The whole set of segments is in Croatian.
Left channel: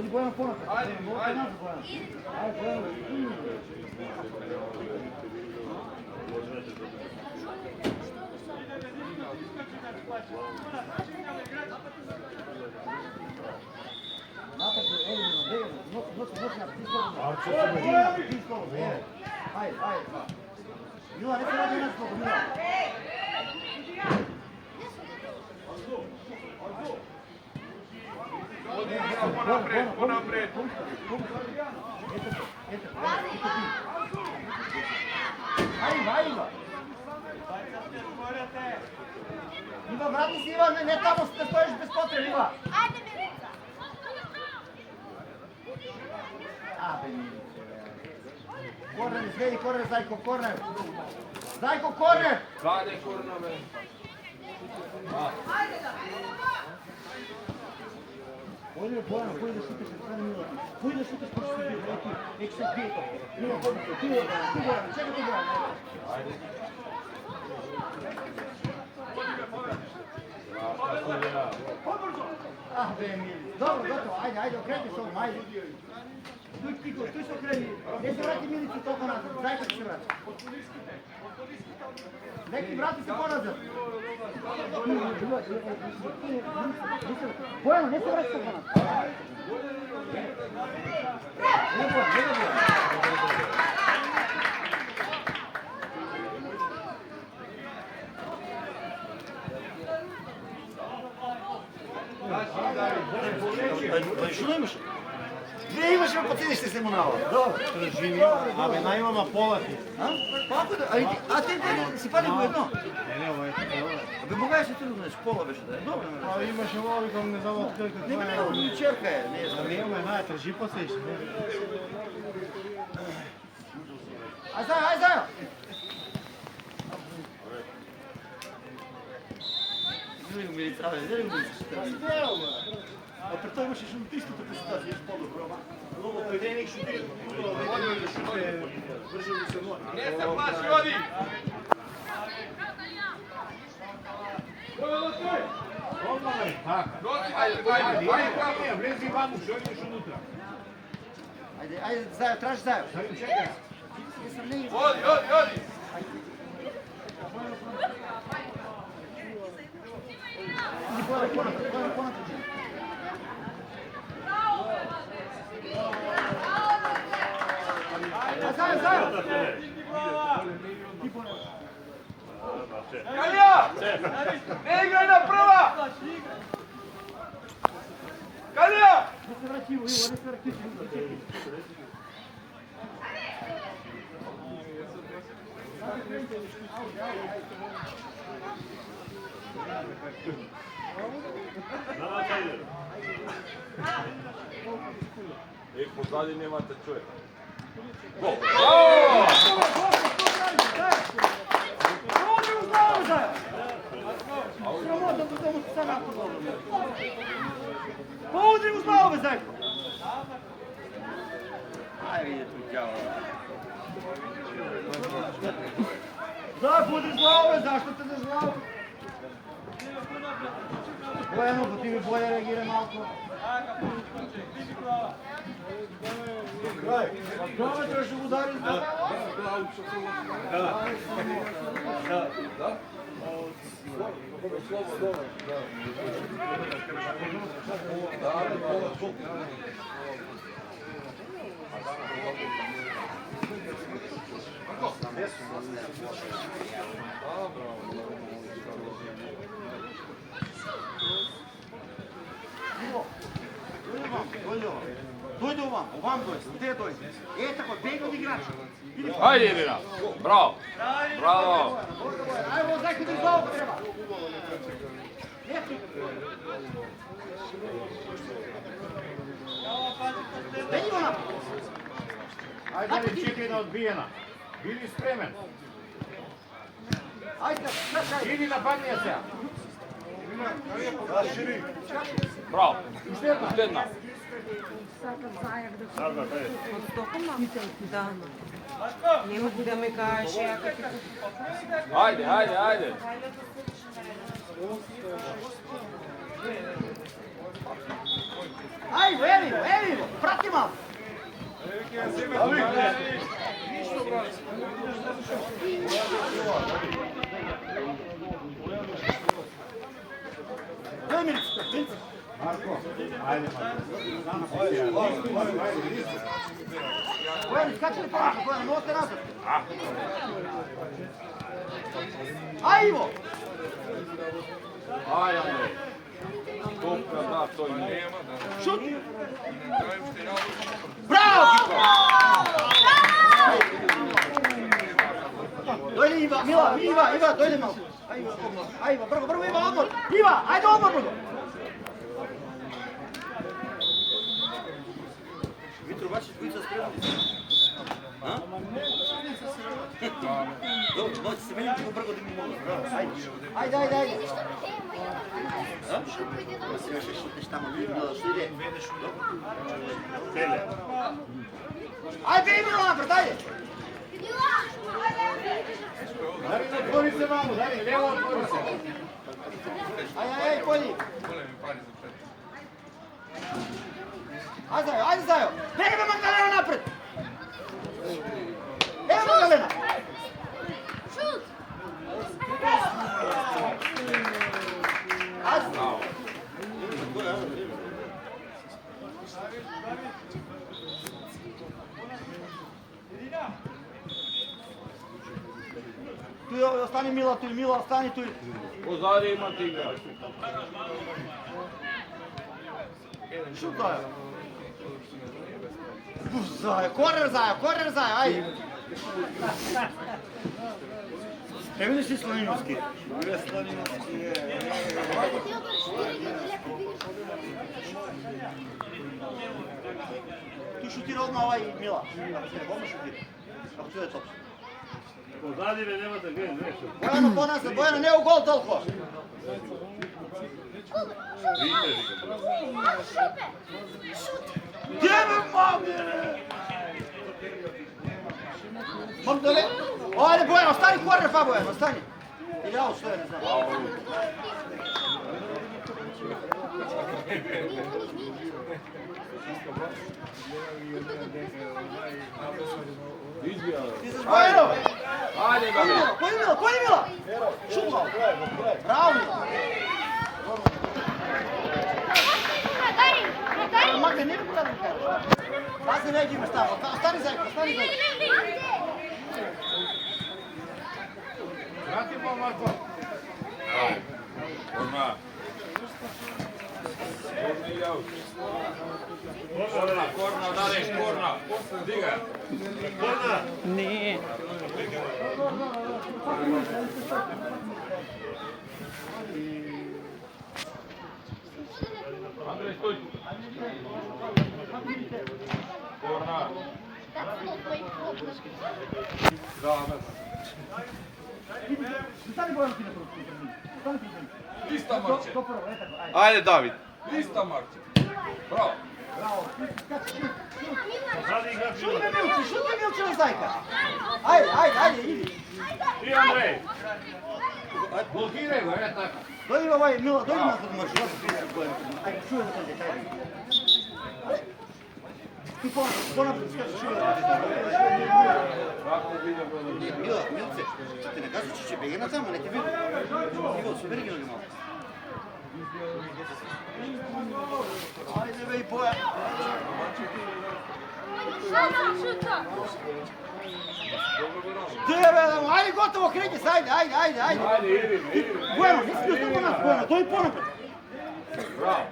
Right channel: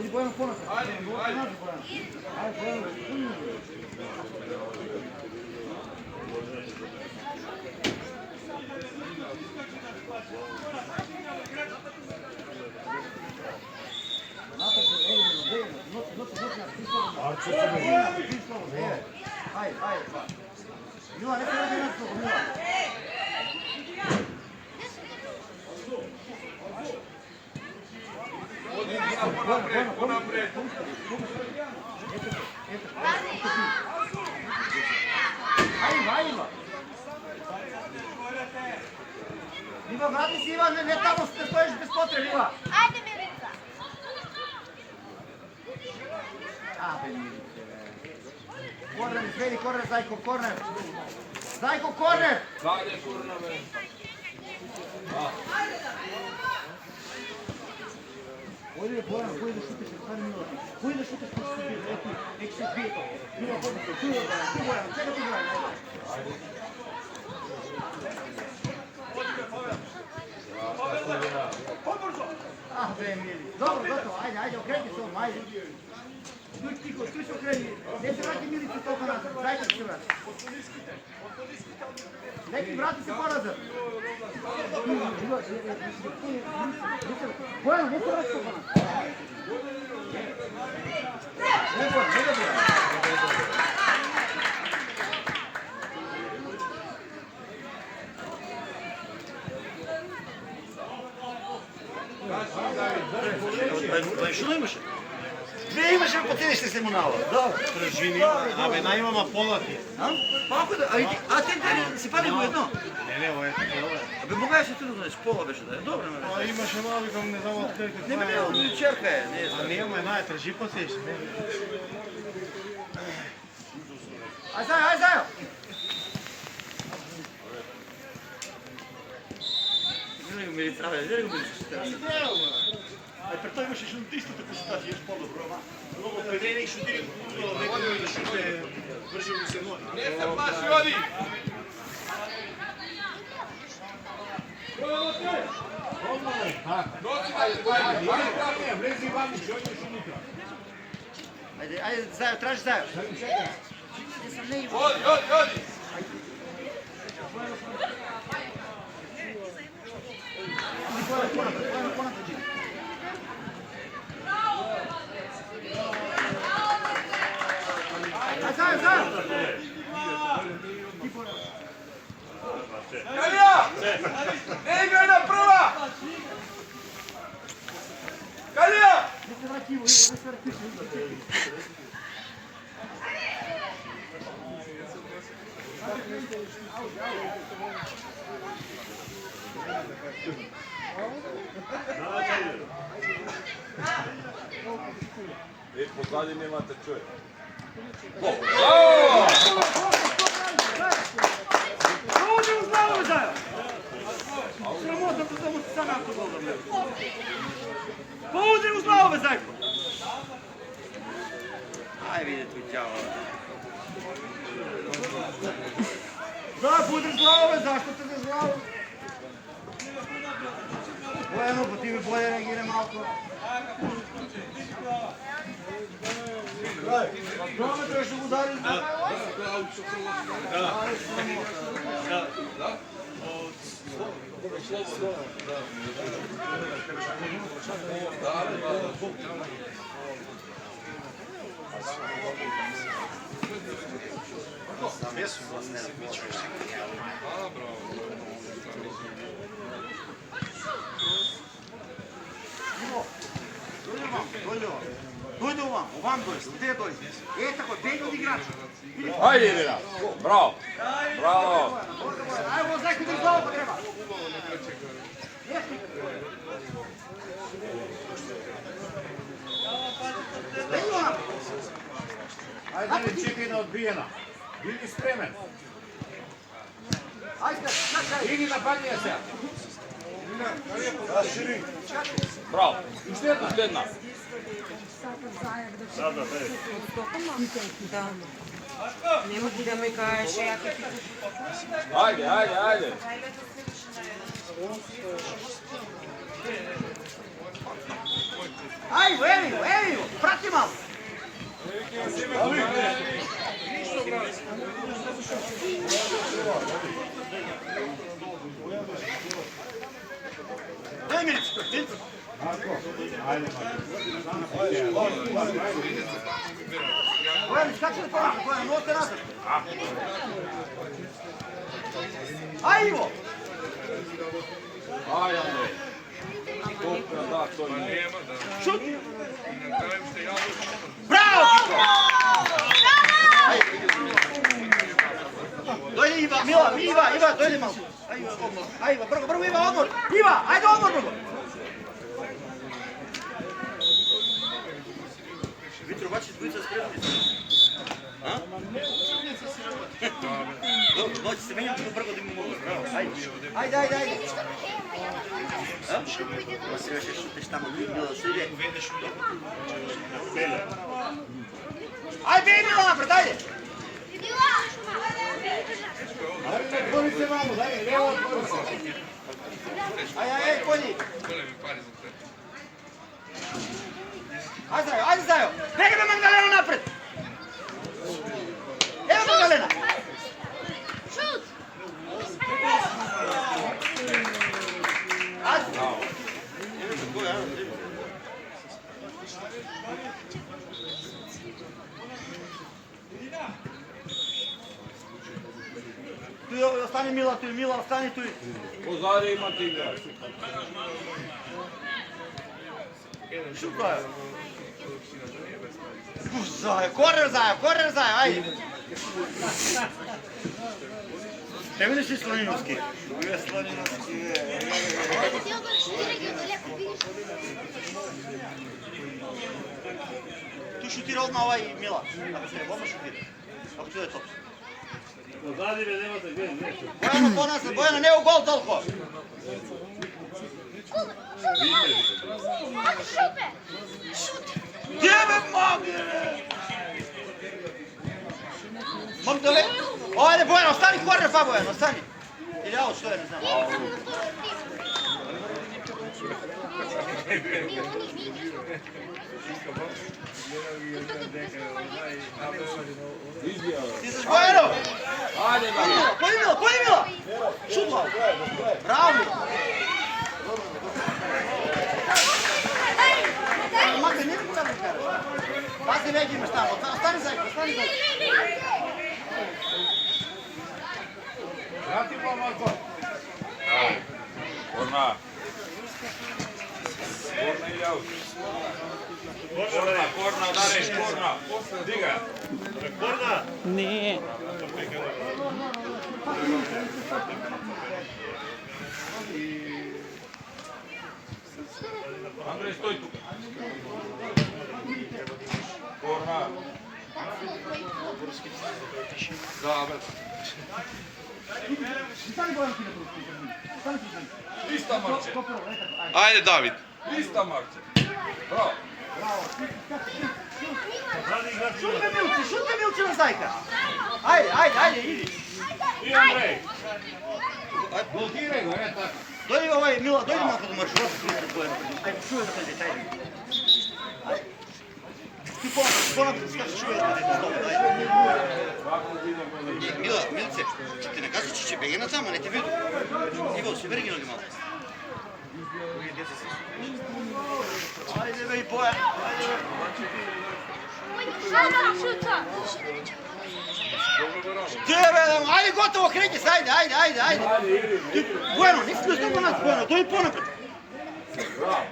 Дојди Бојан понатаму. Ајде, Бојан. Ајде, Бојан. Напред, носи на писково. Ајде. Мила, не се ради нешто, Мила. Понапред. Ајде. Ива, врати се, Ива, не тамо ще стоиш без потреб, Ива. Ајде, Милица. Корнер, изгледи корнер, Зајко, корнер. Зајко, корнер. Каде корнер, бе? Ојде, Бојан, кој да шутиш, стане Мила. Кој да шутиш, кој се бие, еки се бие. Мила, ходи се, ти Бојан, чека ти Бојан. Ајде. Бе, Мили. Добро, готово, ајде, окрети се, ајде. Стој тихо, стој се окрени. Не се врати Милица толку назад, Зајко ќе се врати. Неки врати се по-назад. Бојан, не се врати толку назад. Не Бојан. Што имаше? Две имаше по тениште се мунала. Да, Прежими, абе најмама полати. Пако да, а те си пади во едно. Не, ово е такова. Абе могаше трудно, пола беше да е. Добро. А имаше мали кога не знам откај како. Не, черка е, не е. А не имаме нај тржи посеш, не. Ајде. Идем ми трабе, идем ми. Пред тоа имаше шутистите презентации, еш по-добро. Многу предени шутири, некој да шуте, врши ми се ноги. Не се плаши, оди! Ајде, влези ваму, што идеш унутра. Ајде, зајо, тражи зајо. Оди! Калија! Не играј на прва! Калија! Позади немате човек. Оди узнава зајо! Срамота да му се саме ако добро. Оди узнава зајко! Ај виде тој ќао. Зај, буди глава, зашто те за глава? Бојано, по тебе боје реагира малко. Глава треба што го удари? Дојде овам дојде, где дојде? Е, тако, бега од играча. Ајде, Ирина. Браво. Браво. Ајде, Зајко да изглава треба. Ајде, чекај на одбиена. Биди спремен. Ајде, чакај. Иди нападни се. Браво. Уште една. Sada, od Stokholma? Da. Nemo ti da mi kažeš, ja kad ti... Ajde. Ajmo, evo, prati malo. Daj Milicu. Marko, ajde Marko. Skače li pomoći, Gojan, možete nazad. Ajmo! Aj, Andrej. Kopra, da, to nema, da. Šut! Bravo, Kiko! Dojde Iva, Iva, dojde malo. Ajde, brgo, Iva, odmor. Iva, ajde odmor, brgo. Vitro, bačiš dvojica spremni. A? Dobro, noći se menjam ćemo brgo da mi mogu. Ajde. A? Se još šutiš tamo, bilo što ide. Ajde, Bejmila napred, ajde! Otvori se malo, evo otvori se. Ajde, Kolji. Ajde, Zajo. Neka me Magdalena napred. Evo Magdalena. Šut. Ajde. Tu je, ostani Mila, ostani tu. Pozadi ima ti igrač. Šuko je. Zajo, korer Zajo, ajde. Ne vidiš ti Slaninovski? Tu šutira odmah ovaj Mila. Odmah šutira. Kako ti da je to? Pozadi me nemate gdje, nešto. Bojano, ne u gol toliko. Gdje me mogu? Mogu da le... Ovdje Bojano, ostani korner pa Bojano, ostani. Ili ja što je, ne znam. Ti se Bojano! Ajde, Damir. Koji Mila? Šutla! Bravo Mila! Makar, ne mogu da mi kažeš. Pazi već imaš tamo, ostani Zajko. Vrati pa, Marko. Korna. Korna, Dareš, korna. Diga. Korna! Ne. Andrej, stoj tu. Korna. Stani Bojano ti na prostor. Stani prostor. Ista Marče. Ajde, David. Ista Marče. Bravo. Bravo. Pozadi igrač. Šuti Milče na Zajka. Ajde, idi. I Andrej. Blokiraj go, tako. Dojdi ovaj Mila, dojdi malo da možeš. Ajde, čuvaj da kaže, ajde. Ti ponapred skoči, čuvaj da kaže. Mila, Milce, ti ne kaži će begena tamo, ne ti vidu. Ivo, si berginuli malo. Ajde, bej, Boja. Ajde, gotovo, kreće se, ajde. Bueno, nisi tu snima nas, Bueno, to je ponapred. Bravo.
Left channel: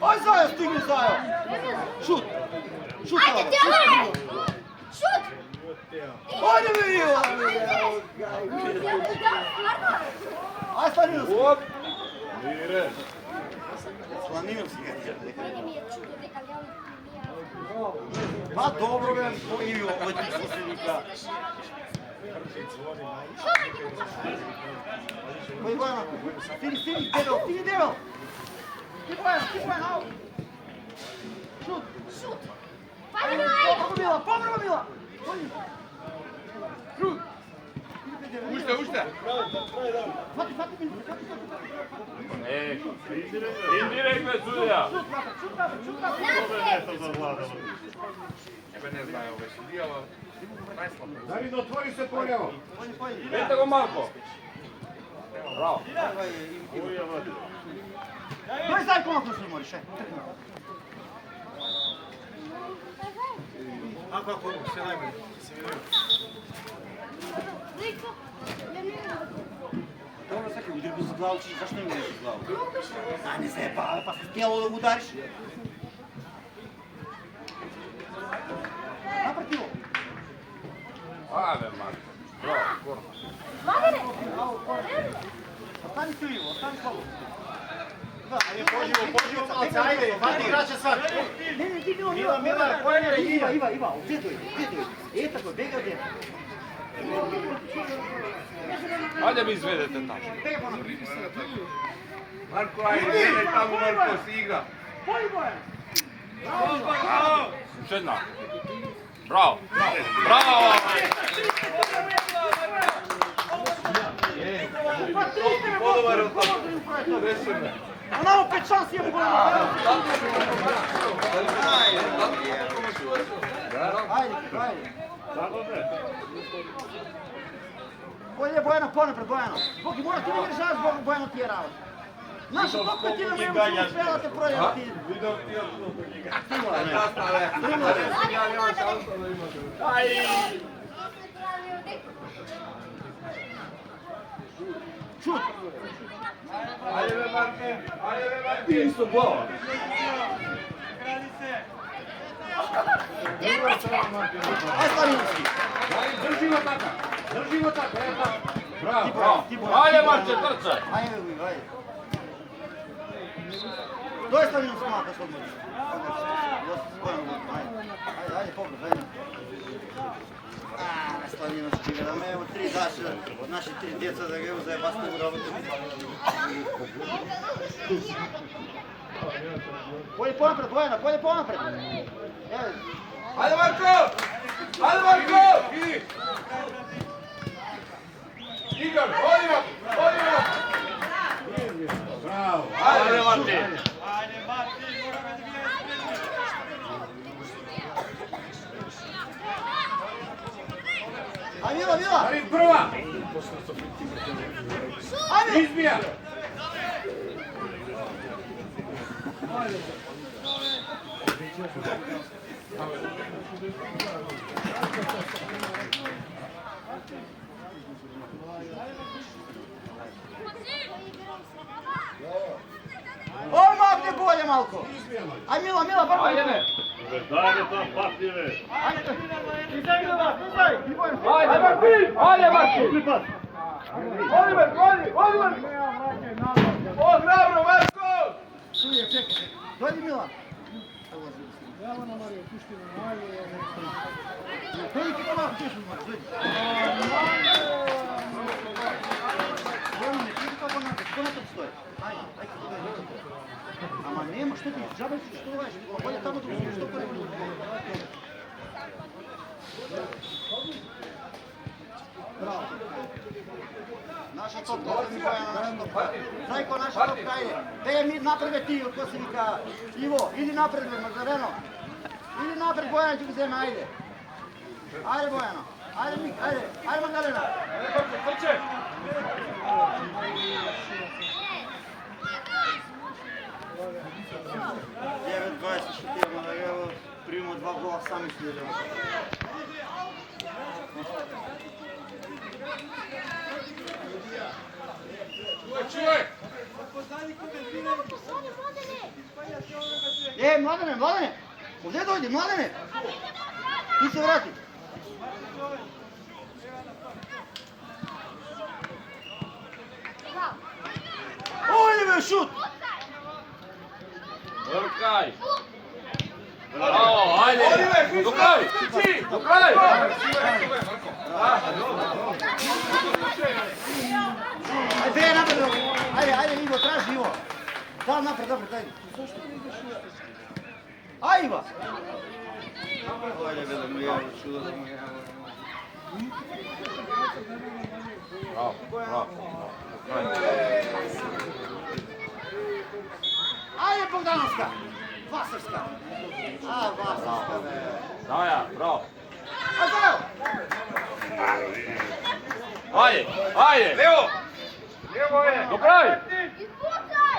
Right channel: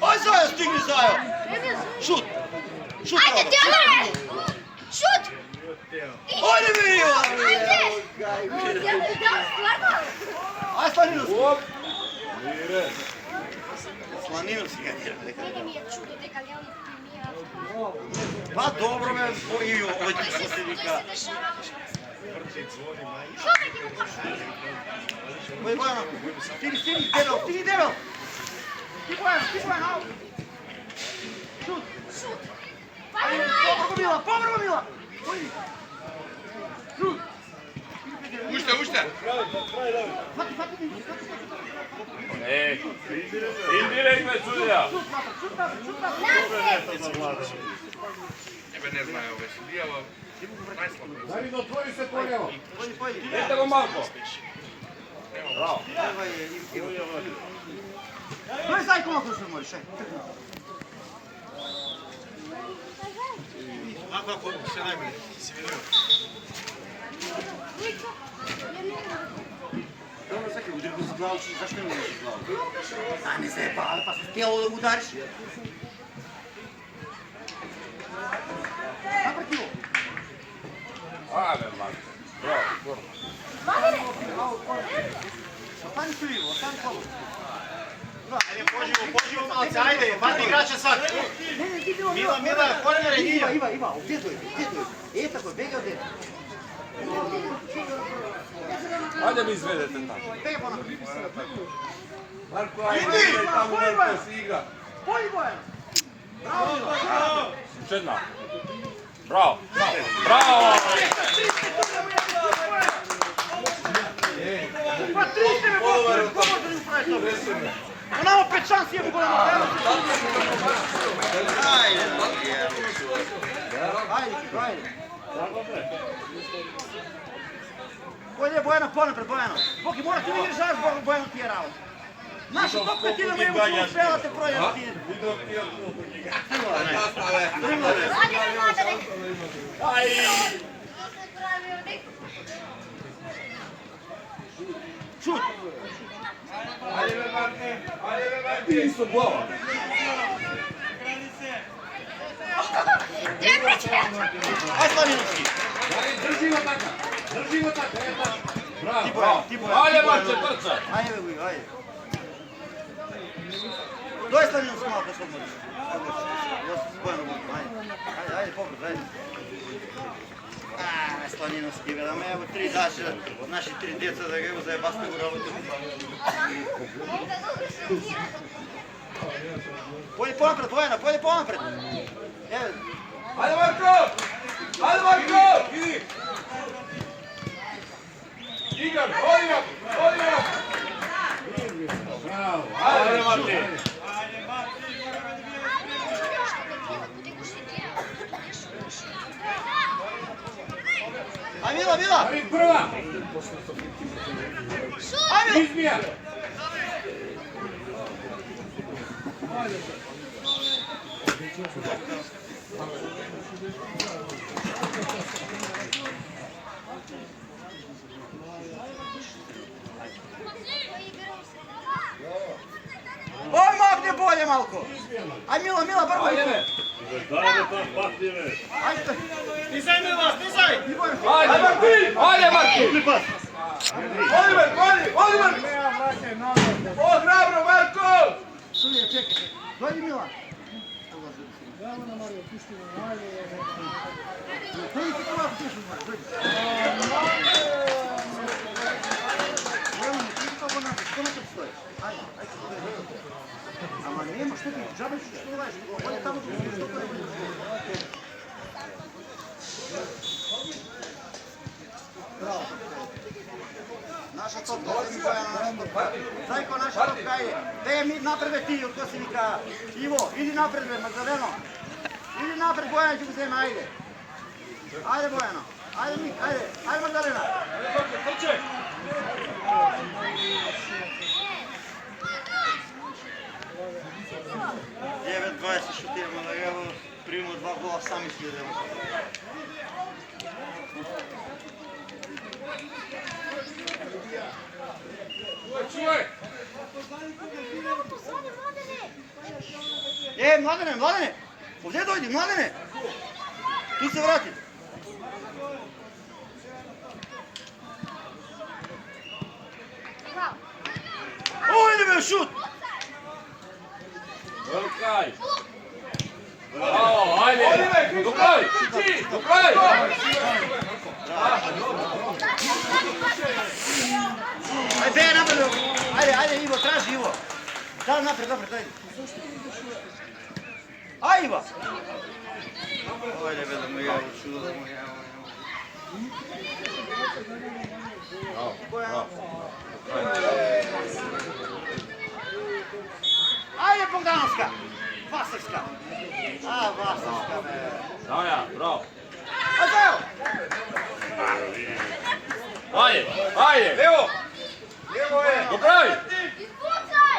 A Zajo, stigni Zajo. Šut. Ajde, Teodore! Šut! Ajde, Mila. Ajde, Slaninovski. Mire. Slaninovski ga je. Meni mi je čudo дека Leoni primija. Pa dobro me, i ovaj ti se vika. Bojano, stini, debel. Ti Bojano, šut. Povrlo Mila. Šut. Ušte. Indirektno je sudija. Ебе не знае овој судија, најслабо. Дарин, отвори се полево. Ете го малко. Браво. Дој зајко малко се можеш. Ако се најболи, се види. Dobro, sad udri go za glavu, zašto ne udriš za glavu? A ne se pa se htjelo da udariš. Naprati ovo. Ale, Marko. Bravo. Ostani krivo, ostani slobodno. Ajde, poživo, malce, ajde, vadi igrače sad. Ne, ti bilo, Mila, korenje redinja. Iva, gdje je? E, tako, bega gdje. Ajde mi izvedete tako. Bega pa na. Marko, ajde, tamo Marko si igra. Polji Bojan! Još jedna. Bravo. Bravo. Imamo 5 šansi, je mogu nama Ajde. Bolje Bojana, ponapred Bojana. Boki, mora ti ne žaš, Bojana ti je rao. Naša pokretina ne mogu uspjevati projevati. Šut. Ajde, Marko. Isto gol. Aj, Slavinovski. Držimo tako, Bravo. Ajde, Marče, trče. Ajde. Doj Slavinovski malo što možeš. Ajde, pogled, ajde. Slavinovski, da me evo 3 daše od naših 3 djeca da ga uzaje basket u robotu. Polje ponapred, Bojana, polje ponapred. Evo. Ajde, Marko. Ajde, Marko. Igor, odimo. Bravo. Ajde, Marko. Ajde, Mila. Ajde, prva. Ajde. Izmija. Odmah gdje bolje malko. Aj Mila, brko. Ajde. Dajde tam patljive. Ajde. Stizaj, Mila, stizaj. Ajde, Marko. Ajde, Marko. Oliver. O, hrabro, Marko. Dođi Mila. Dođi ti polako pišu, dođi. Romane, ti kako nađeš, što na tebi stojiš? Ajde, ama nema, što ti, džabe što ulaziš, ovdje tamo što to je. Bravo. Naša topka, naša topka. Znaj ko naša topka je. Gdje mi naprede ti, ko si vika. Ivo, idi napred, Magdaleno. Idi napred, Bojan, ću uzem, ajde. Ajde, Bojano. Ajde, Mik, ajde. Ajde, Magdalena. Девет 20 шутирamo na evo, primimo 2 gola, sami slijedimo. Mladene, ovdje dojdi, Mladene! Ti se vrati. Oliver, šut! Vrkaj. Bravo, ajde. Do kraj. Do kraj. Ajde, napred. Ajde, Ivo, traži Ivo. Da, napred, dobro, dajde. Aj, Ivo. Ajde, vedem, ja čudo da mi je. Браво, браво. Ајде Богдановска! Васевска! Васевска, бе! Даја, браво. Азел! Ајде, ајде. Лево! Лево е! Го прави.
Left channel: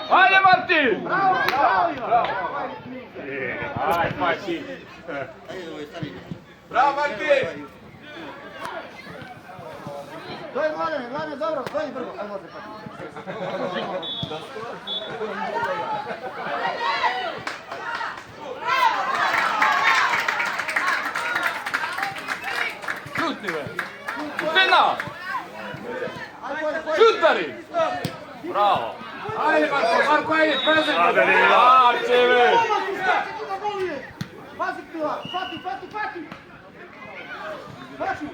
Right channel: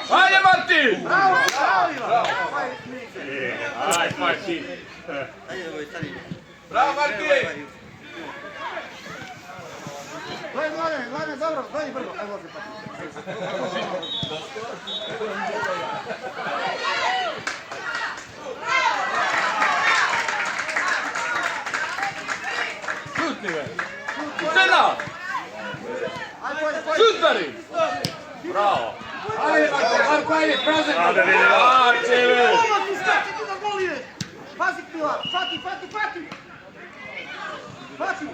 Ајде, Мартин. Браво, браво, Иван! Ајде, Мартин. Ајде, стари. Браво, Мартин! Дојди, Младене, добро, дојди брзо. Ајде, возе така. Šutni, bе. Fina. Ајде, дојди. Šut, beri. Bravo. Ajde, Marko, ajde, present. Ajde, Marče, bе. Skače tu na gol ide. Pazi, Pila, fati. Fati.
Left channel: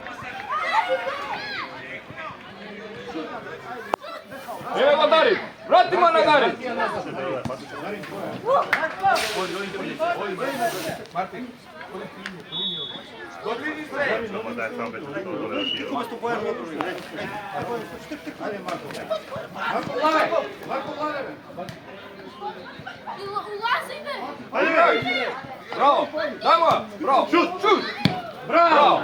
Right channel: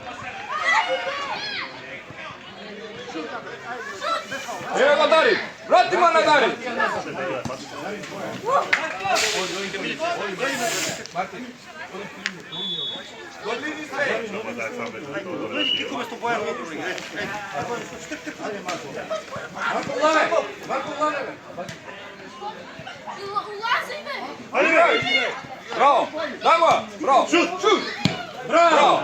Evo Nadari. Vratimo Nadari. Marko, Lane. Ulazi me! Bravo. Dajmo. Bravo. Šut. Bravo.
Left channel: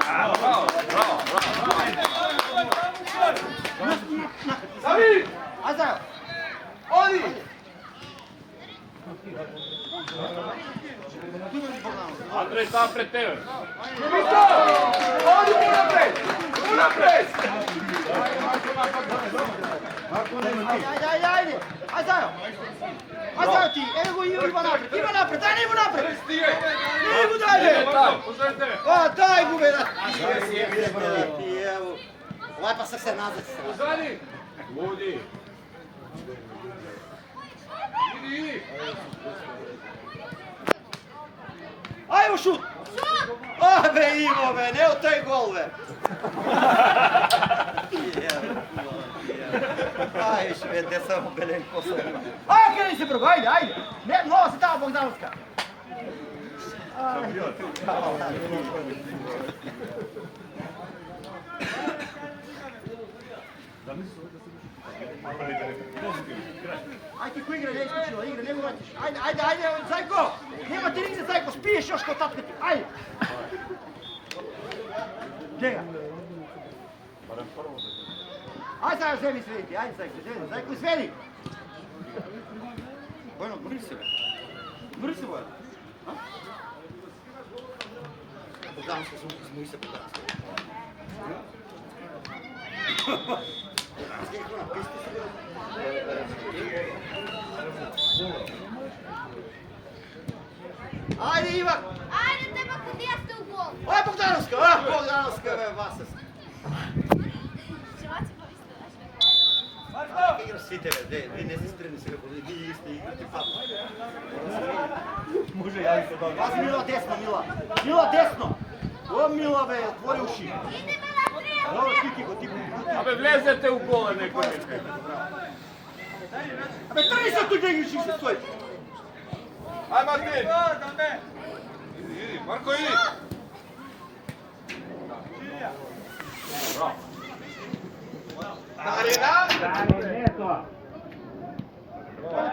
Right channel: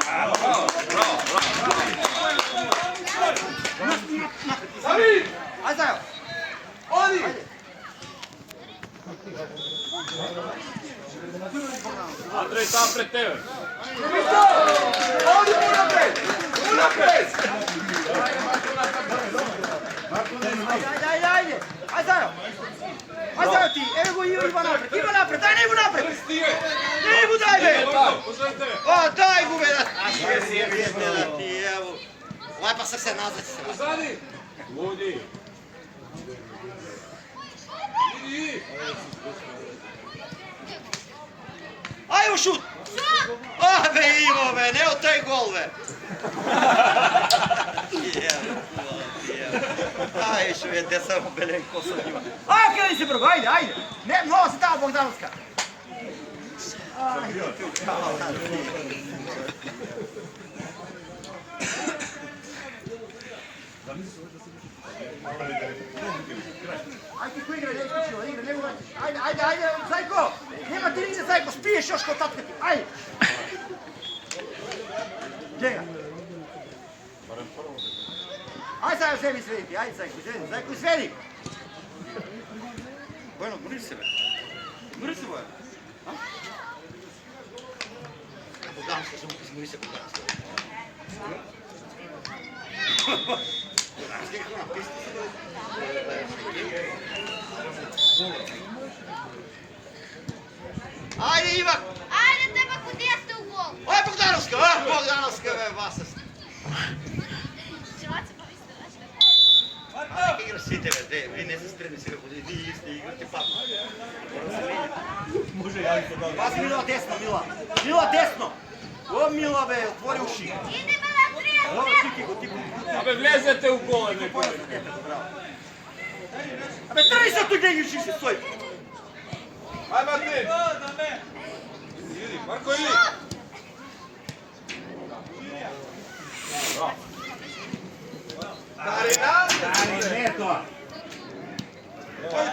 David. Ajde, Odi. Andrej, tam pred tebe. Odi unapred. Ajde. Ajde ti, evo go Iva napred, daj Ivu napred. Ivu dalje. O, daj Ivu veda. Evo. Ovaj pa se nazad. Zadi. Ludi. Idi. Ajmo šut. O, be Ivo, be, ne o taj gol, be. Aj, šved, gde sam Belen posadio. Aj, kreni se, brgo, ajde. Ne, mnogo se dao Bogdanovska. Ajde, ko igra, ne iskućivo, igra, ne uračiš. Ajde, Zajko. Nema ti nigde, Zajko, spiješ još kod tatka ti. Ajde. Gdje ga? Ajde, Zajko, zemi svediti. Ajde, Zajko, svedi. Bojno, gmuri se, be. Gmuri se, Bojno. Bogdanovska, zmuri se, Bogdanovska. Ajde, Ivan! Ajde, treba kod jeste u gol! Ovo je Bogdanovska, be, Vasas. Čevaci pa vi ste naši. Kako igraš svi tebe, vi ne ste spremni sve, vi isti igrati papu. Može javiti da. Pazi Mila desno, Mila desno! O Mila, be, otvori uši. Idemo na trijevu! Evo tiki go, tiki. Abe, vlezete u gole neko. Be, traj se tu gdje igraš i stoj. Aj, Martin. Idi, Marko, idi.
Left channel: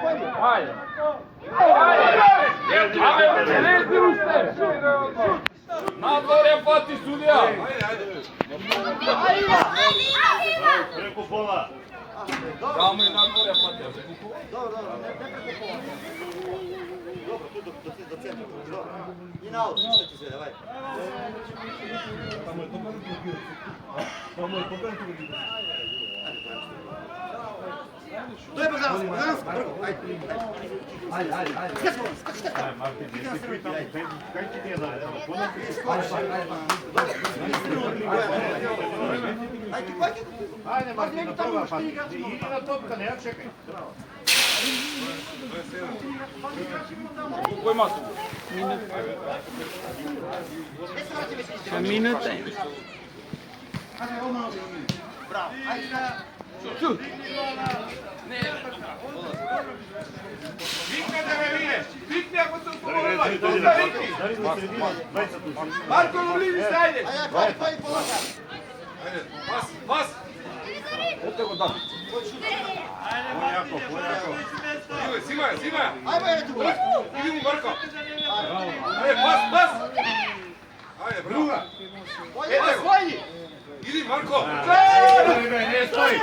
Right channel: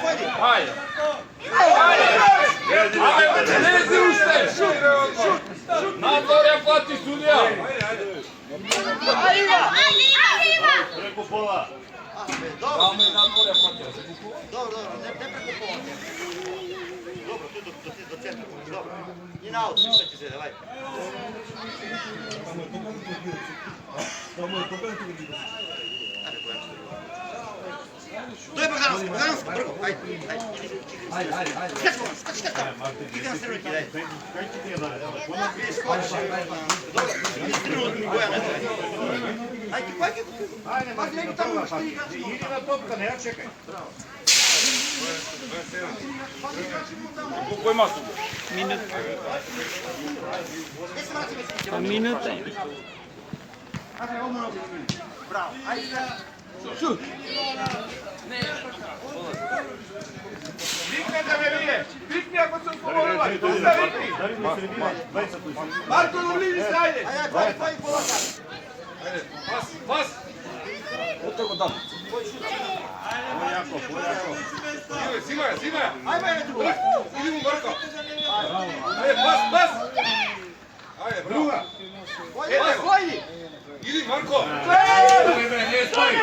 Pojdi. Ajde. Ajde, lezi ušte. Šut. Nadvor je plati sudija. Ajde, Iva. Preko pola. Tamo je nadvor je plati. Dobro, ne preko pola. Dobro, tu do centra, dobro. I na aut, šta će se, davaj. To je Bogdanovska, prvo, ajde. Skači. Ide na srednjaki, daj. Ajde, pazi neki tamo što igra. Idi na topka, ne čekaj. Koji masu? Minuta. Ajde, ovo malo bi. Bravo, ajde. Šut. Nikad da me videš! Bitni ako se usporovali! Tu ste vikni! Marko, u bliži se, ajde! Ajde, pojdi, Ajde, pas! Симај. Ајде, бе, тука. Иди му Марко. Ајде, пас. Ајде, браво. Стојни. Иди Марко. Не стои.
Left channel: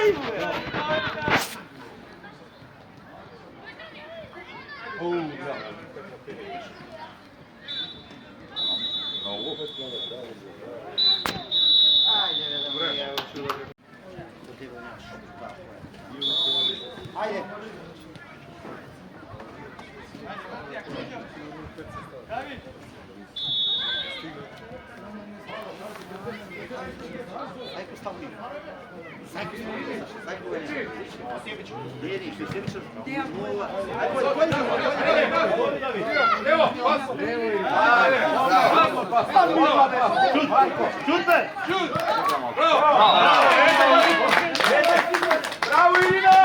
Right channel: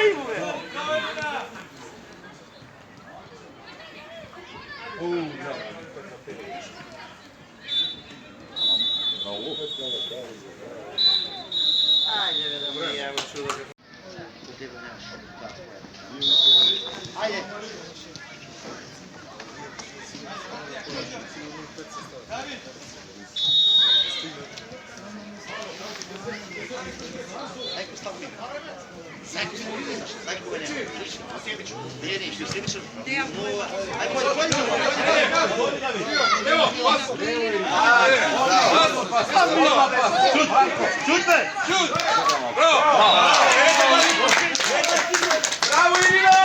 Ајде. Ево, пас. Шут. Браво. Браво, Илина.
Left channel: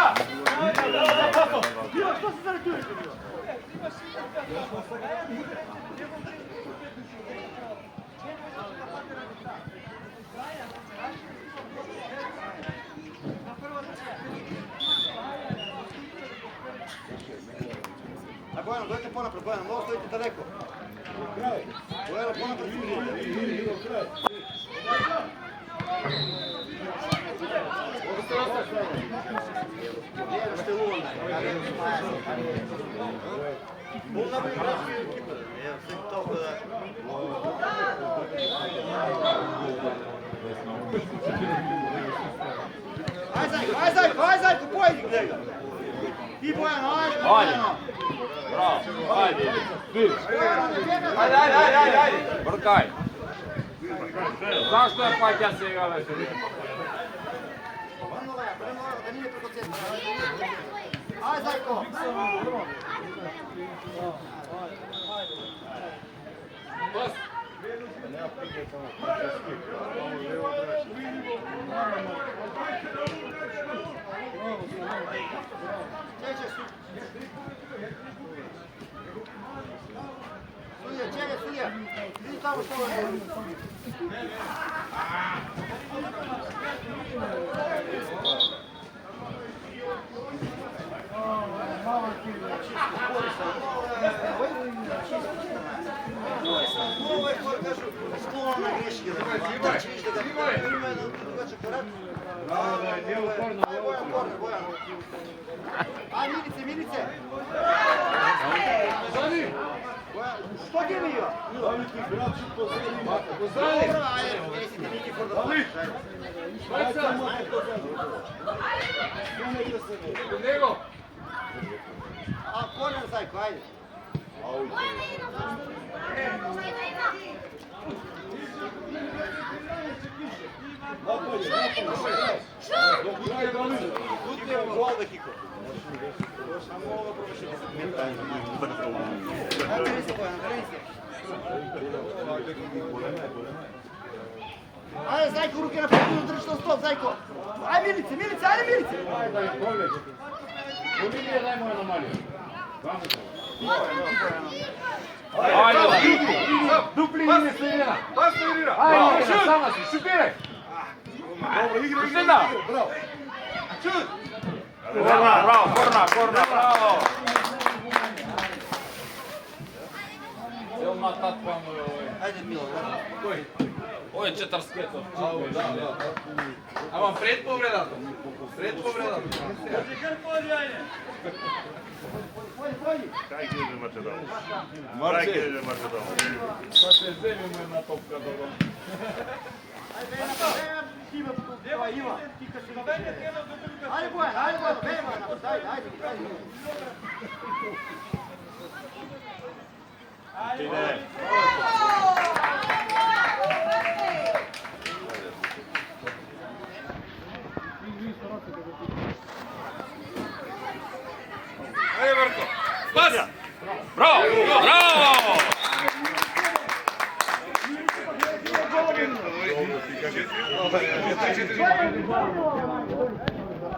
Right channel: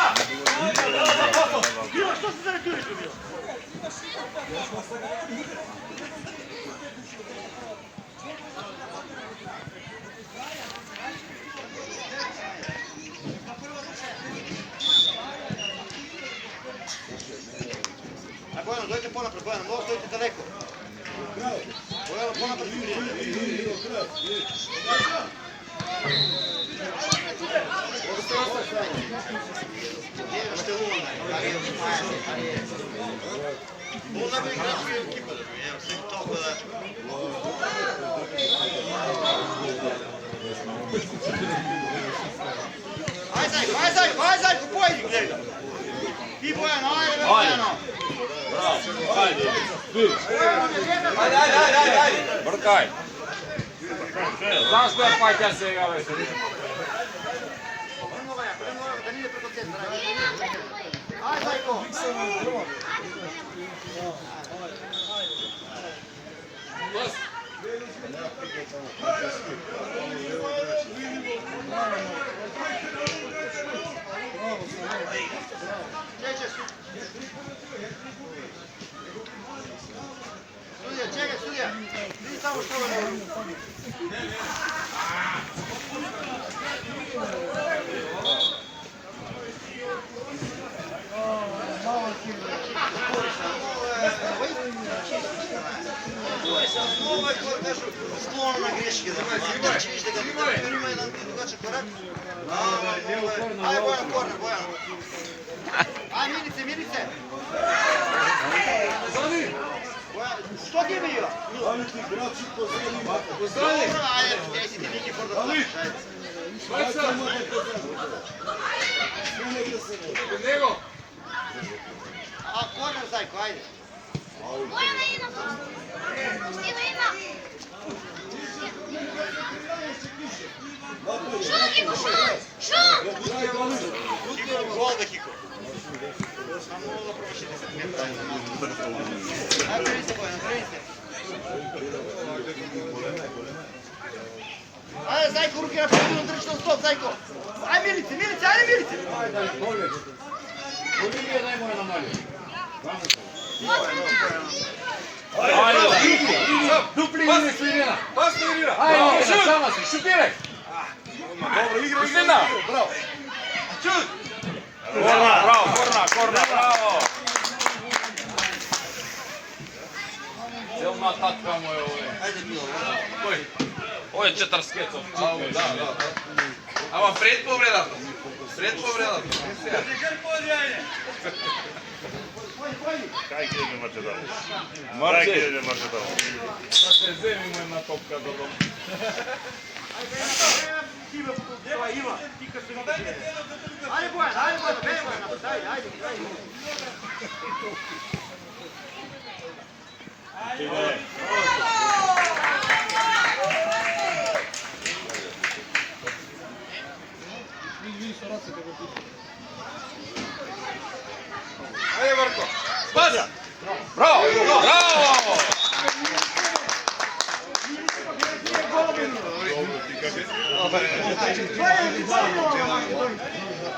Bojano, dojte ponapred, Bojano, mnogo stojite daleko. Bojano, ponapred Jurije. Što je Luna? Luna bi igrački ekipa. Sve to da... Aj Zajko, pojedi njega. Ti Bojano, ajde, Bojano. Ajde. Brkaj. Znaš što je Patja se igrala? Aj Zajko. Sudija. Vidi tamo što je. Ovo je kažu sklon na greške. Znači viš da ga ima jedan drugačiji korak. Aj Bojan. Aj Milice. Što ti imaju? Ajde, si ti neki kod da plaćaš, ajde. Nego. A korner Zajko, ajde. Gol da Kiko. Samo ovo promašiti se. Ajde, prvi se. Ajde, Zajko, ruke na pogodinu, drži na stop, Zajko. Ajde, Milice. Ajde, pogled. Olivije, daj moje na malju. Ajde, dupli Ilina Slivina. Ajde, Ilina, sama si, šutiraj. Izgleda. Čut. Korna, bravo. Jelma tatka moj ovaj. Ajde, Milo, Koji? Ovo je četarskecov. Da. Ама пред повредата. Kaj gdje može da? Marče. Može da? Sad se zemimo jedna topka do doma. Ajde, Bojan, ajde. Ajde, Marko. Spas! Bravo!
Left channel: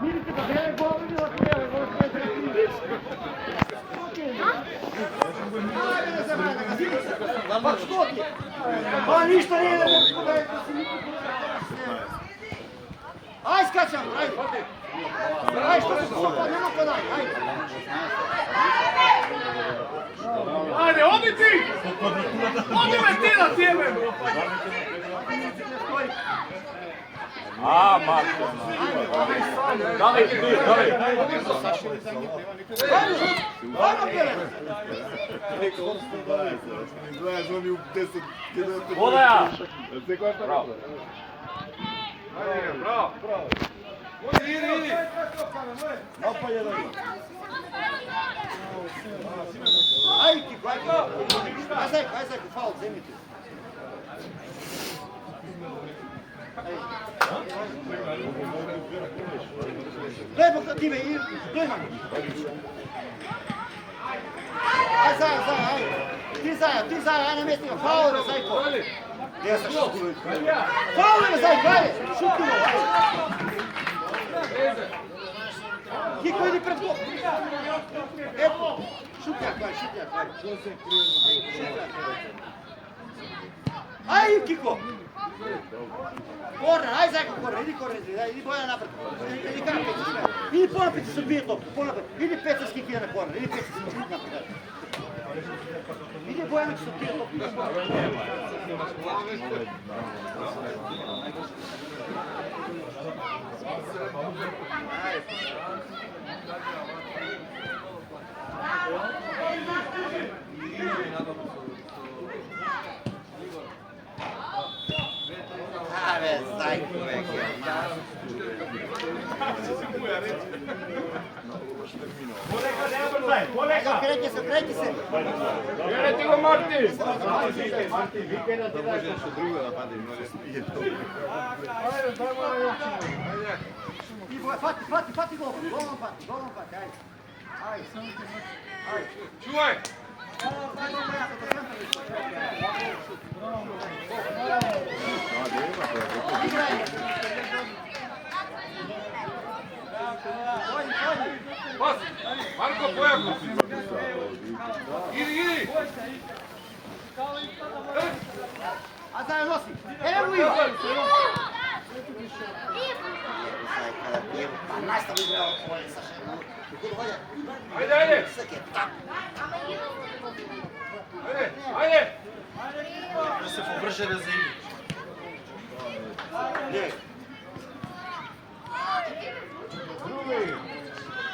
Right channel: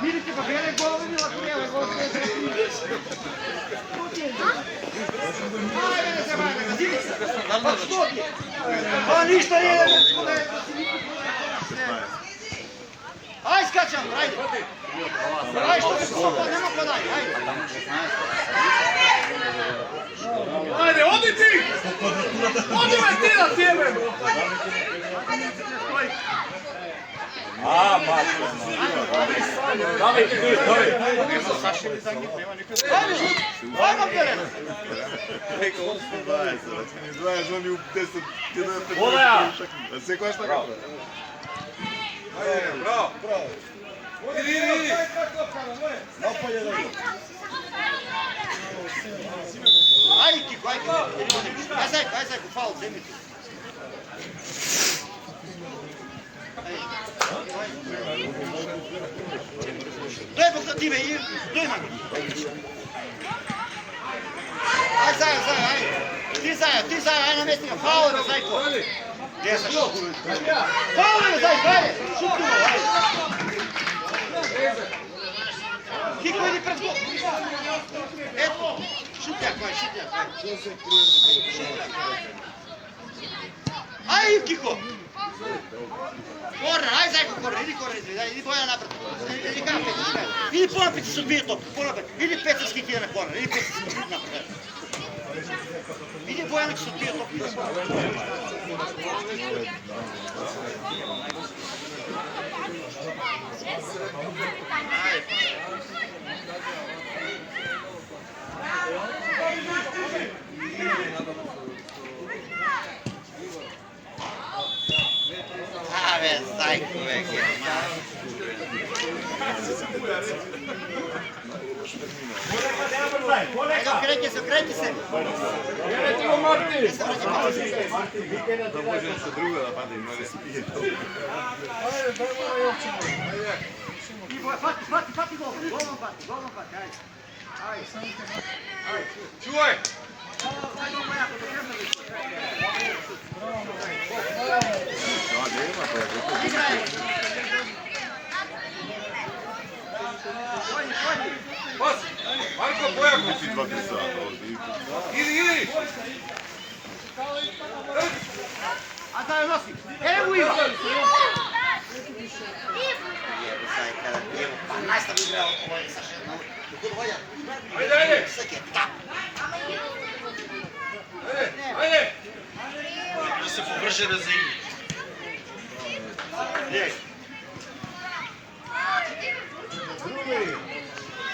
Vidite, pa bere govovi od prijeve, Pa što ti? Pa ništa nije da ne pogledaj, to si niko pogledaj. Aj, скачам, ајде. Ајде, што се супа, нема подај, ајде. Ајде, оди ти! Оди ме ти на тебе! Марко. Давай ти, давай. Секојаш така. Браво! Иди! Ајде, Кико, ајде. Ајде, фаул, земи ти. Дој бог на тебе, дој на ми. Ај, зај, ај. Ти зај, ај на местника, фаул бе, зајко. Де са шутку? Фаул бе, зајко, ајде, шутку, ајде. Кико, иди пред гол. Ето, шутјак, ај. Ај, Кико. Корнер, ајде зајко корнер, иди Бојана напред. Иди кај Петичка. Иди понапред се одбие топ, понапред. Иди Петички ќе на корнер, иди Петички напред. Иди Бојана ќе се одбие топ. Абе, зајко веќе. Окреќи се. Грети го, Марти. Фати гол, голман фати, ајде. Чувај! Пас! Марко, Бојако! Иди! А зај носи, ево Иво! Настави игра од Бојана Саша. Ајде! Ајде! Да се побрже да заигри.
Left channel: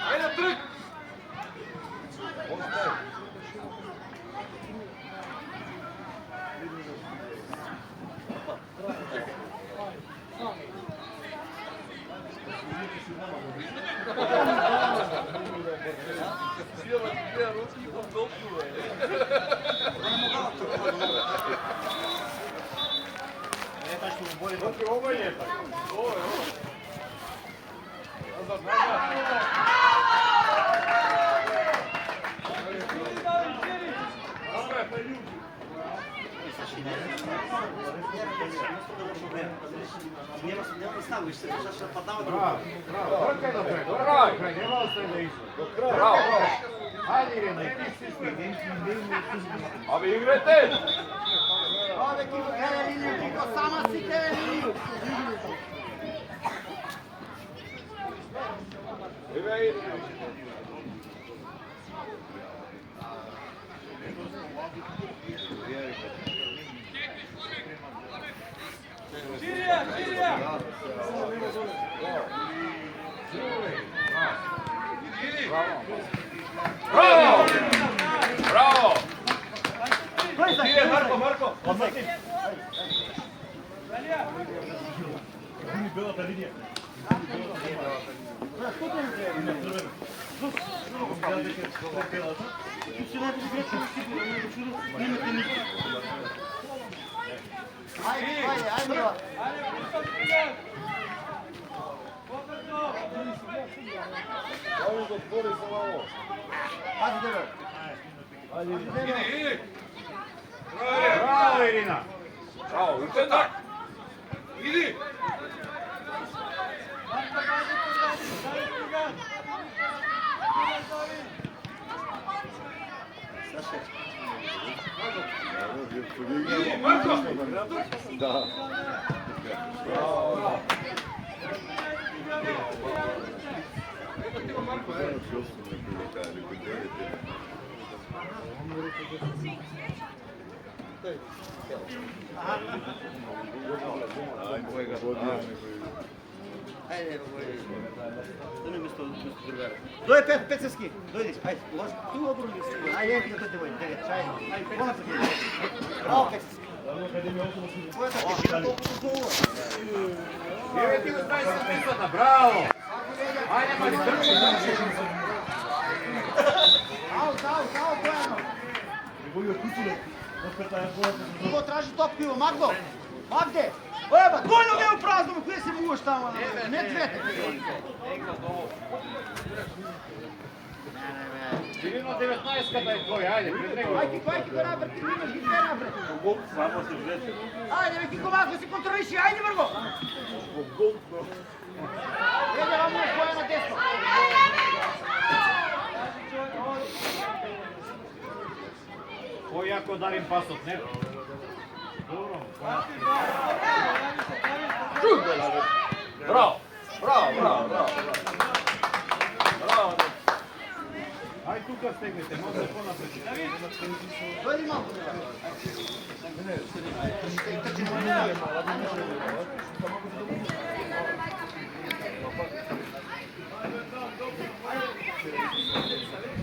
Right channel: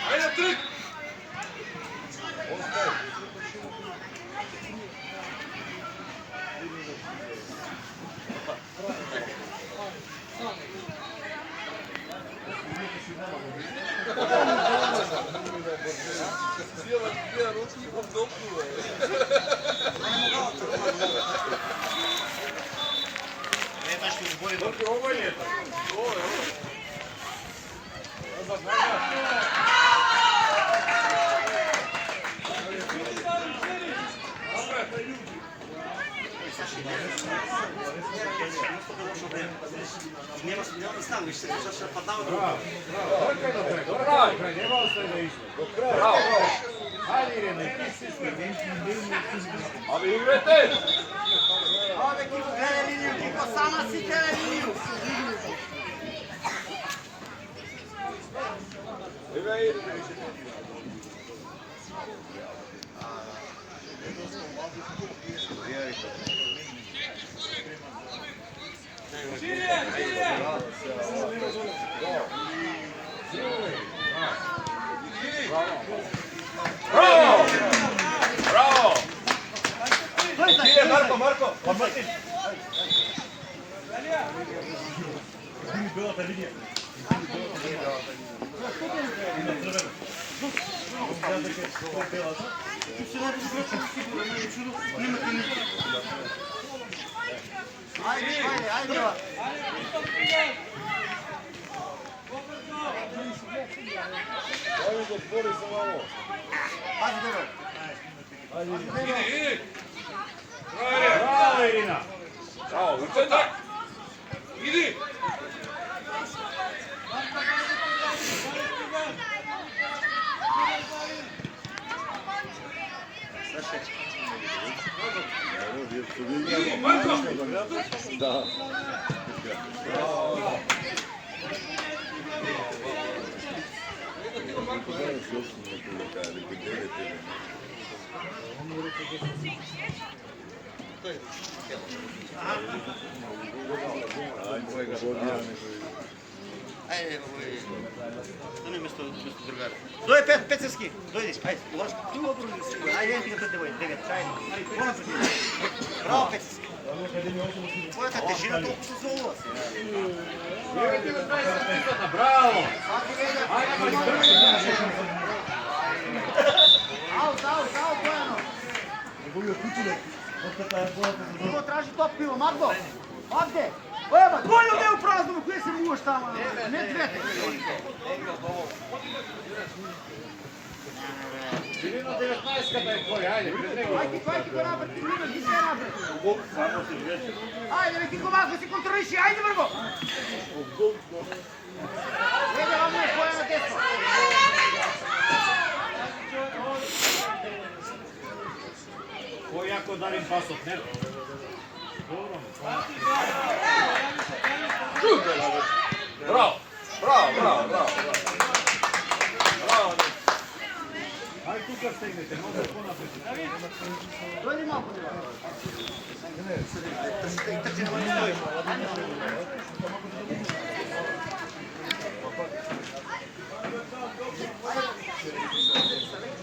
Ајде, трик! Не ставиш се, зашто падава друго. Браво. Аби играте. Ове Кико гледа линiju, Кико сама си гледа линiju. Браво! Браво! Марко! Браво, Ирина! Браво, и така! Иди! Да. Ajde, stani mesto drugara. Dođe Pecarski, dođi, ajde, ulazi. Tu obruni se, ajde, ajde, devet, ajde. Bravo, Pecarski. Твоя тежина толкова се зло. Браво! Аут, Бојано. Иво тражи топкиво, Магде! Ева, Бојано не у празно, кој се муаш тамо? Не двете. Кирило 19-ката е твоја, ајде, пред него. Ајде, кој го напред, Кирило, ги се напред. Ајде, бе, ти го вака, си контролиши, ајде, брго! Еде, оно е Бојано десно. Појако дарим пасот, не? Добро. Браво! Ајде тука стегнете, може понапред. Дојди малку.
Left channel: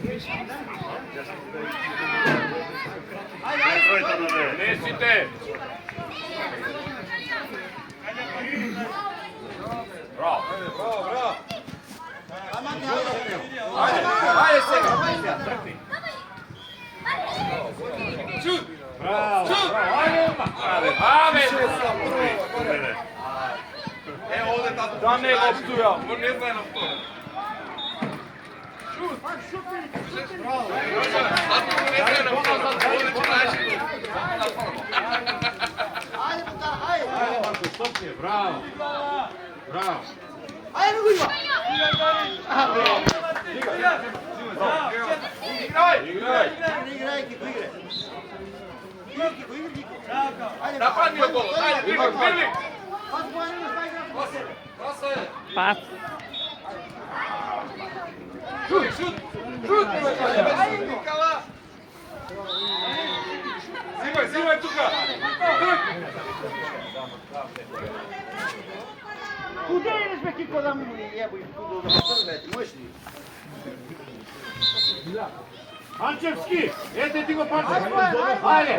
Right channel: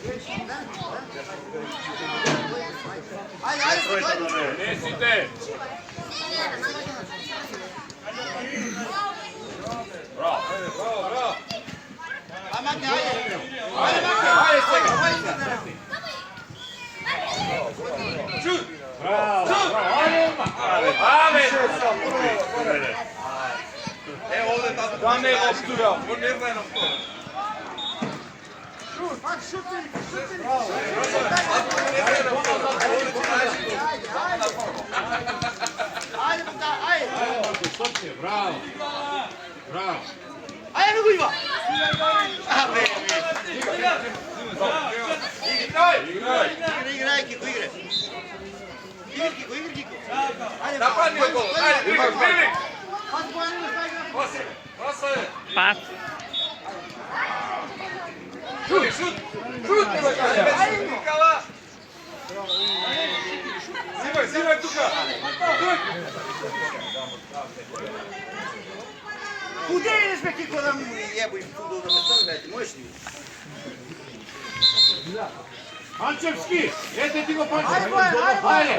Трчи на стои. Ајде, Несите! Браво! Ајде сега. Браво! Е, овде да не лоптуја, нервено. Браво! Браво! Ајде, го има. Играј, Кико, играј. Играј, Кико. Ајде, Нападни го, ајде, Били! Пас Бојано, стај играј. Паса е! Пас. Шут! Никала! Зимај тука! Куде идеш, бе, Кико, да ми јебој фудбал да постави, можеш ли? Манчевски, ете ти го почне. Ајде, Бојано, ајде.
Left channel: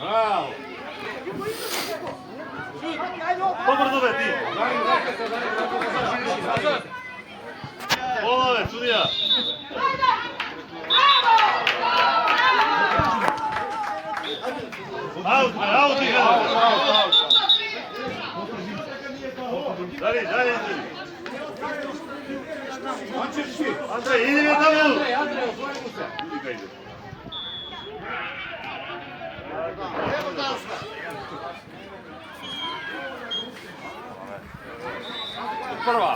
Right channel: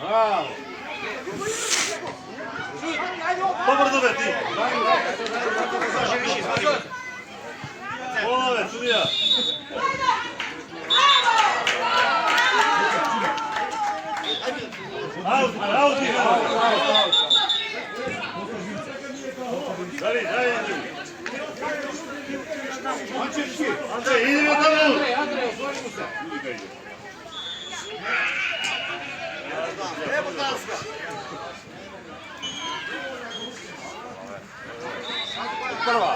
Браво! Добро да бе ти. Оле, судија. Аут игра. Дави. Манчевски, Анце, иди во таму. Андреј, отвори му се. Ево Данска. Прва!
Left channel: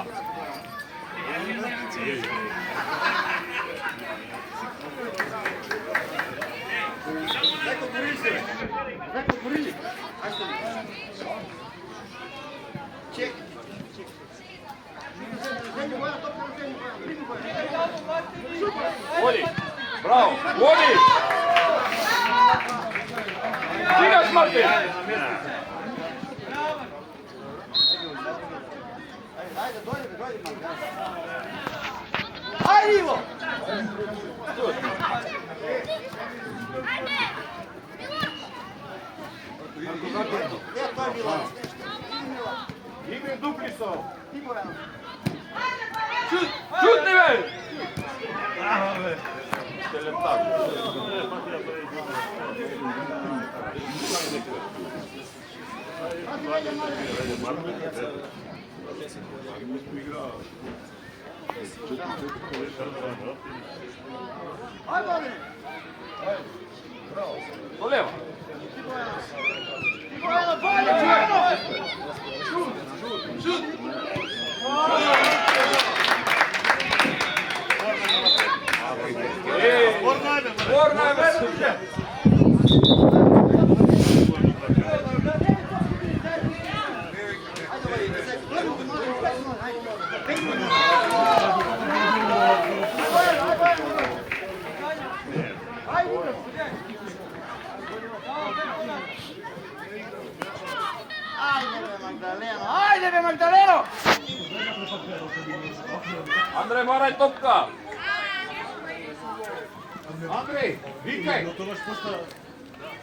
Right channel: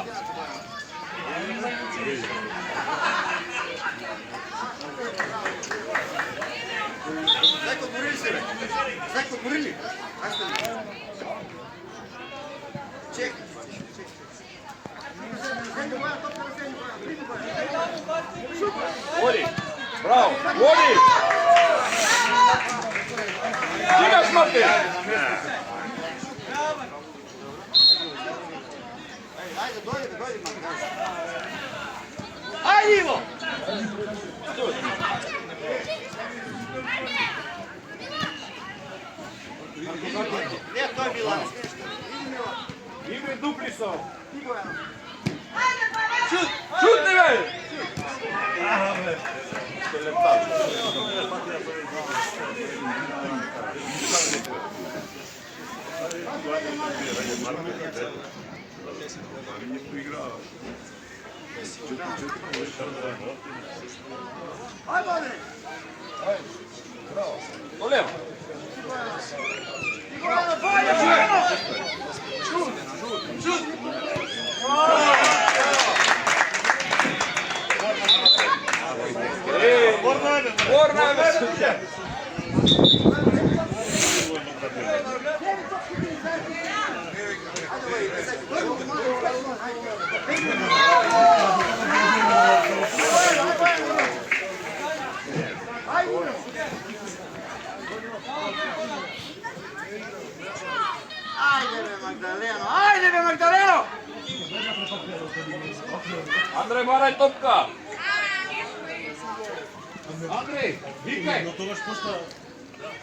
Зајко борили се, бе. Зајко борили. Чек. Води! Браво! Води! Стигаш, Марти! Ајде, дојде, Ајде, Иво! Не, тој Милан. Игри дупли се. Шутни, бе! Ајде, Огне! Олево! Бојано! Magdaleno! Andrej, maraj topka! Andrej, vikaj! Но тогаш пуста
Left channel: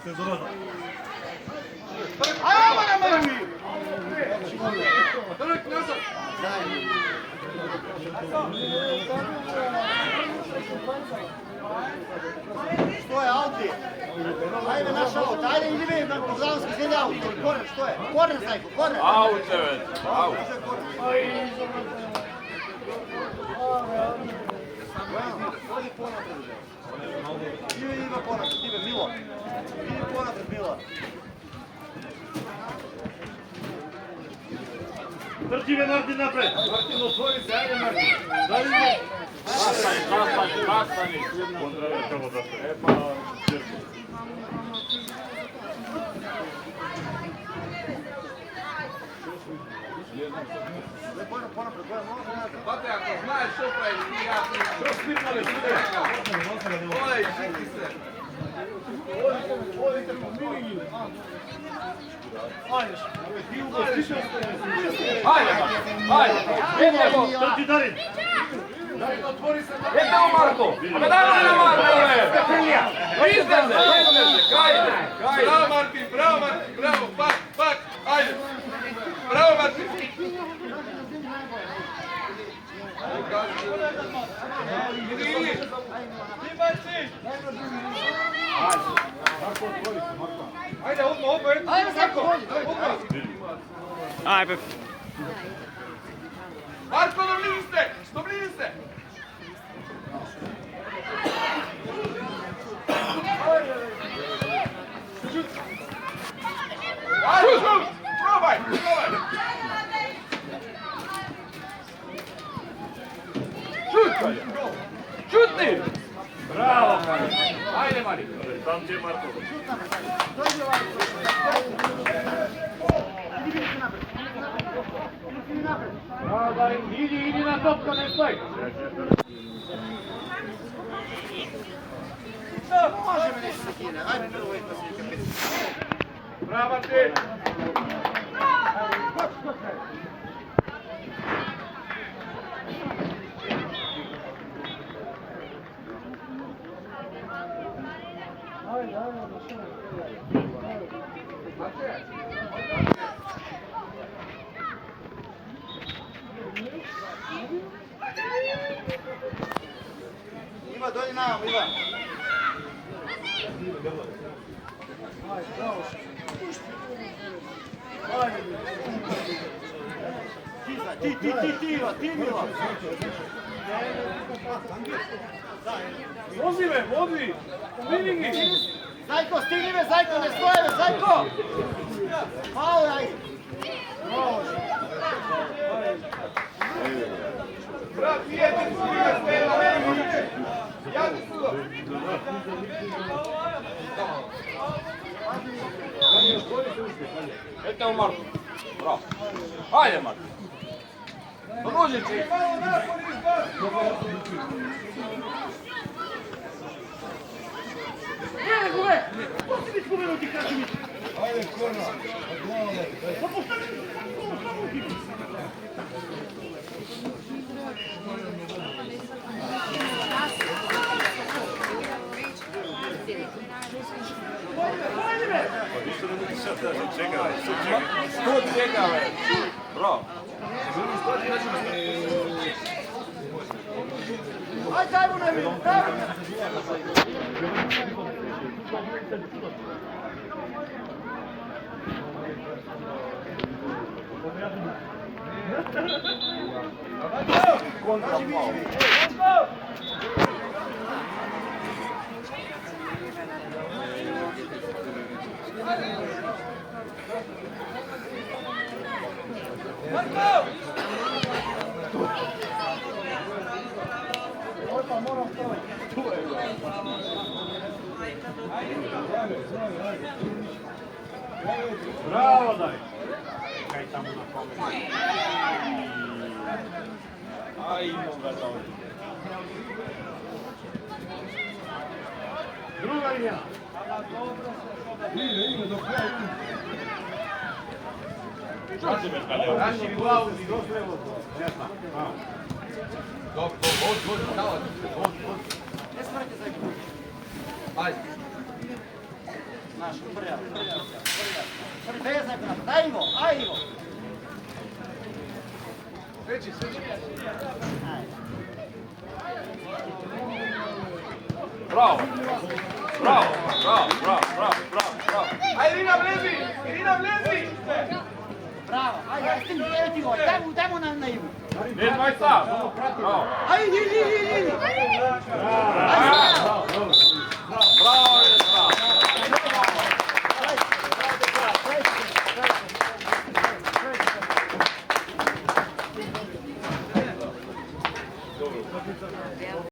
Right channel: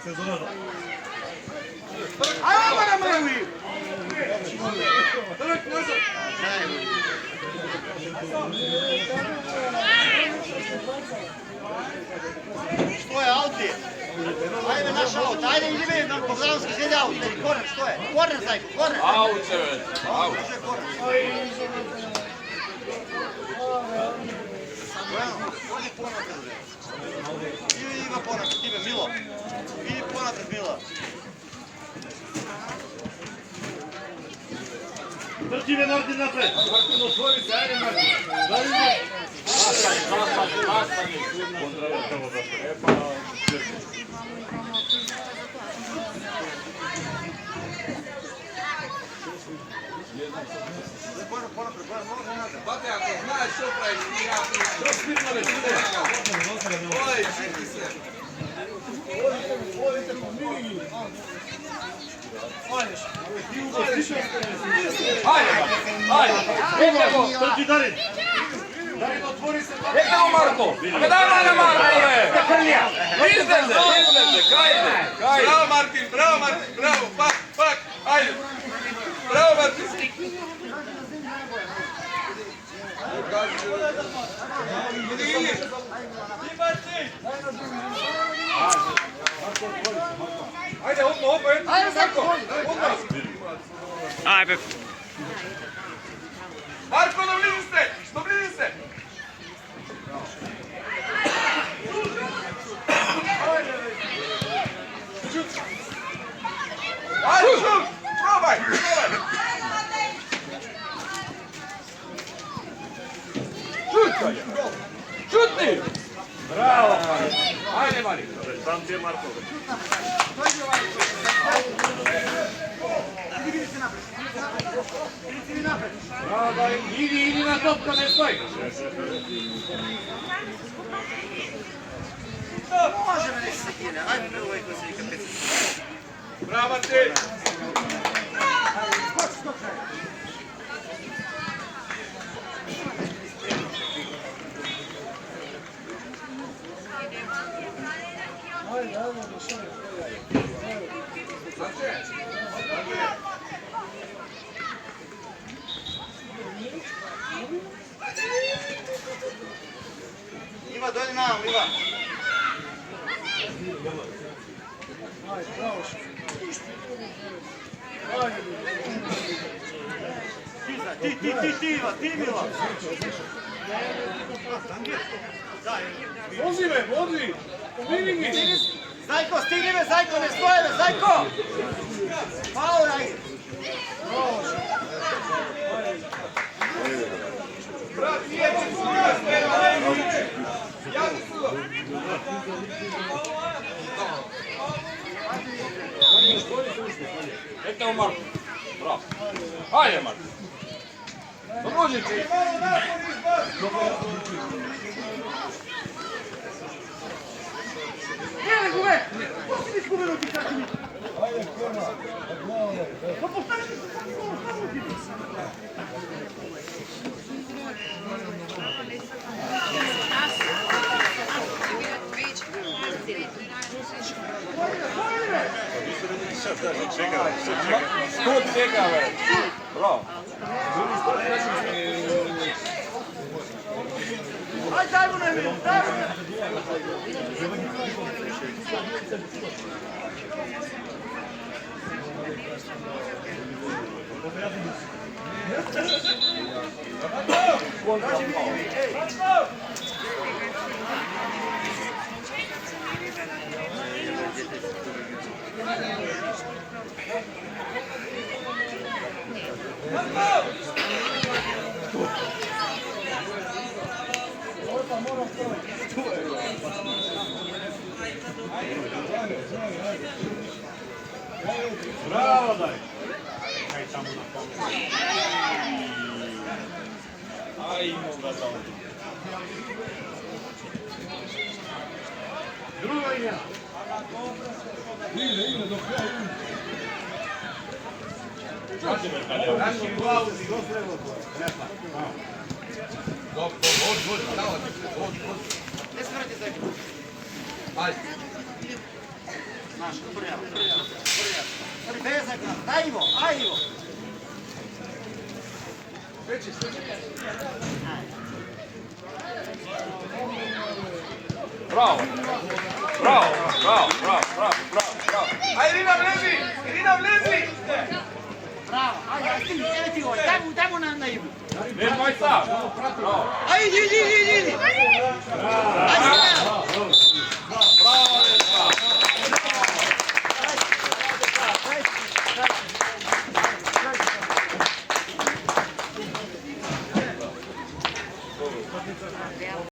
сезоната. Ајде, ама на мене! Што е Алти? Ајде наша аута, ајде идеме на Бозански седе аута, корнер, што е? Корнер, зајко, корнер! Аут се вeć, aut. Оди понапред, бе. Иде понапред, тебе, Мило. Иди понапред, Мило. Трчи бе Мартин напред. Martin, otvori se, ajde Martin. Zastani. Bate, ako znaš što praviš, ti ja ti što spitnali studeš. Olej, šiti se. Ajde, idemo. Трчи Дарин. Idemo Marko. Daj malo Marko, Pekrlja. Izdaj se, krajde. Bravo Martin, bravo, pak, ajde. Bravo Martin. Ajde, opet. Ajde, Marko. Ajde. Marko, dobliži se. Ajde, šut, probaj. Šutni. Bravo, Mari. Ajde, Mari. Idi na topka, ne stoj. Може ме нещо секине, ајде прво е кој се вика 5. Bravo Martin. Ива, дојди мамо, Ива. Ти, Ива, ти, Мила. Vozi me, vozi. Vidi. Зајко, стигни бе, Зајко, не стоje бе, Зајко! Пао, ајде. Ete u Marko. Bravo. Ajde Marko. Podruži se. Тут čeka, ve. Bravo. Ајде, дај му на ми, дај му на Браво, дај. Друга иде. Наши глави. Не спрати се. Ајде. Наш, прија. Без наград. Дај го, ај го. Свечи. Браво. Ајде, Ирина влези. Браво, ајде, ево ти го. Дај му на Иву. Не, мој са. Браво. Ајде, иди. Браво.